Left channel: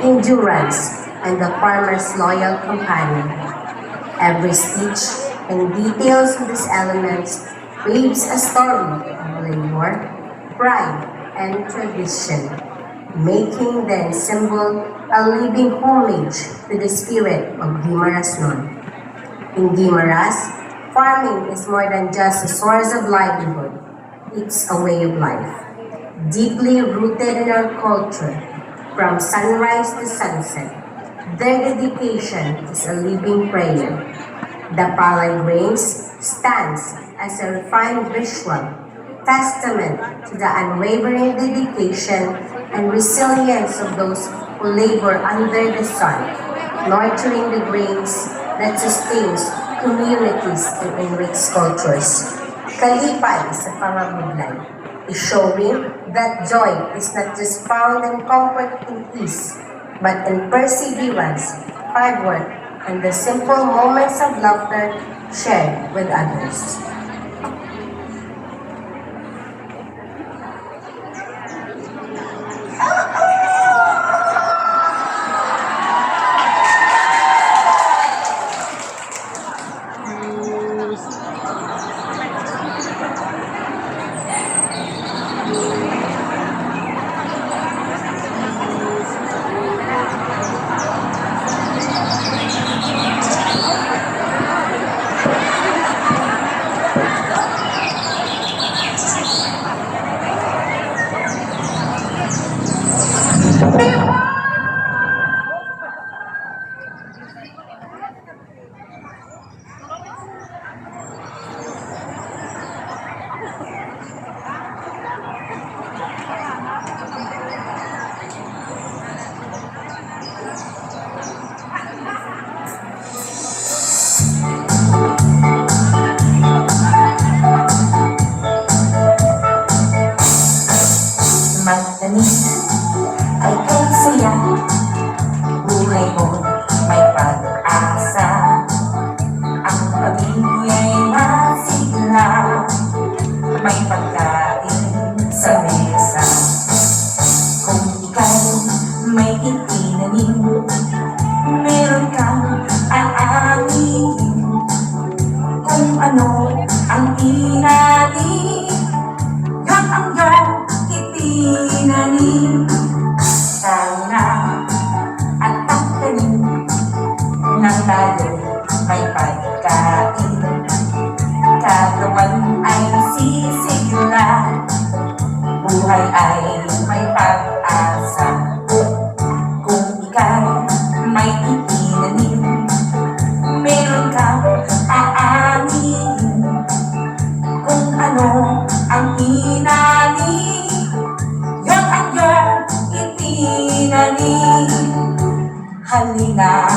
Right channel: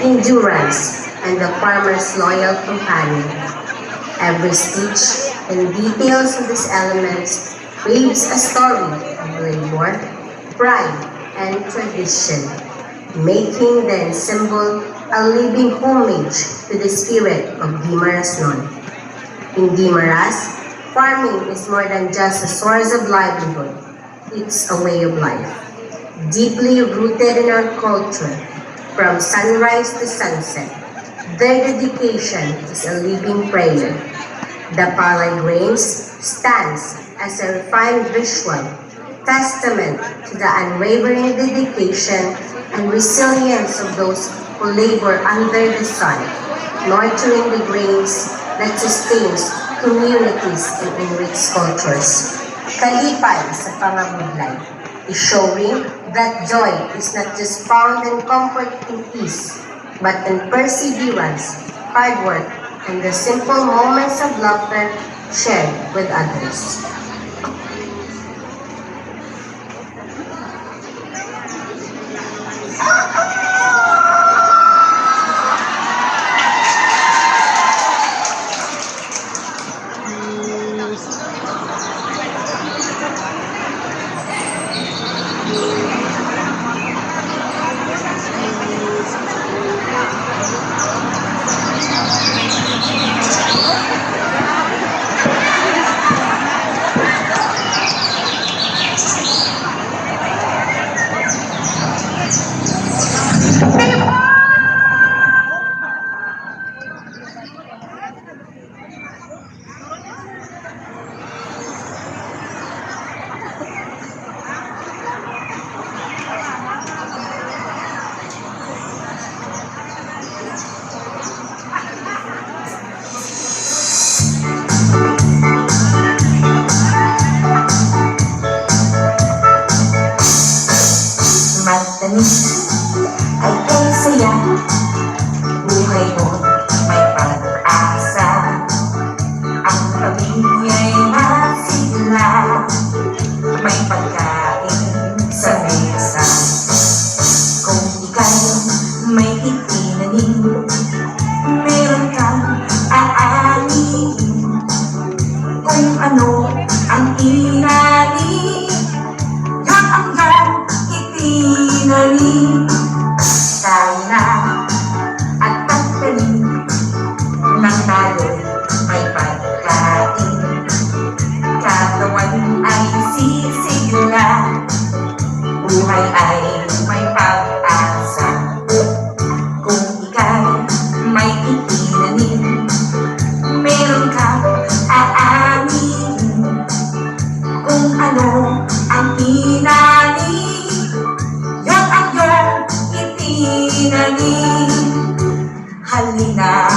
endurance, and the farmer's loyal companion. Every stitch and details of these elements weaves a story of labor, pride, and tradition, making the ensemble a living homage to the spirit of Guimaras-Noy. In Guimaras, farming is more than just a source of livelihood. It's a way of life, deeply rooted in our culture. From sunrise to sunset, their dedication is a living prayer. The palay grains stands as a refined visual testament to the unwavering dedication and resilience of those who labor under the sun, nurturing the grains that sustains communities and enrich cultures. Kalipay sa pangabudlay is showing that joy is not just found in comfort and peace, but in perseverance, hard work, and the simple moments of laughter shared with others. Magtanim ay kaysaya, buhay mo may pag-asa. Ang pamilya'y masigla, may pagkain sa mesa. Kung ika'y may itinanim, meron kang aanihin. Kung ano ang inanin, yan ang itinanim. Tayo na at pagtanim ng tayo'y may pagkain. Katawan ay sisigla, buhay ay may pag-asa. Kung ika'y may itinanim, meron kang aanihin. Kung ano ang inanin, yan ang iyong itinanim. Halina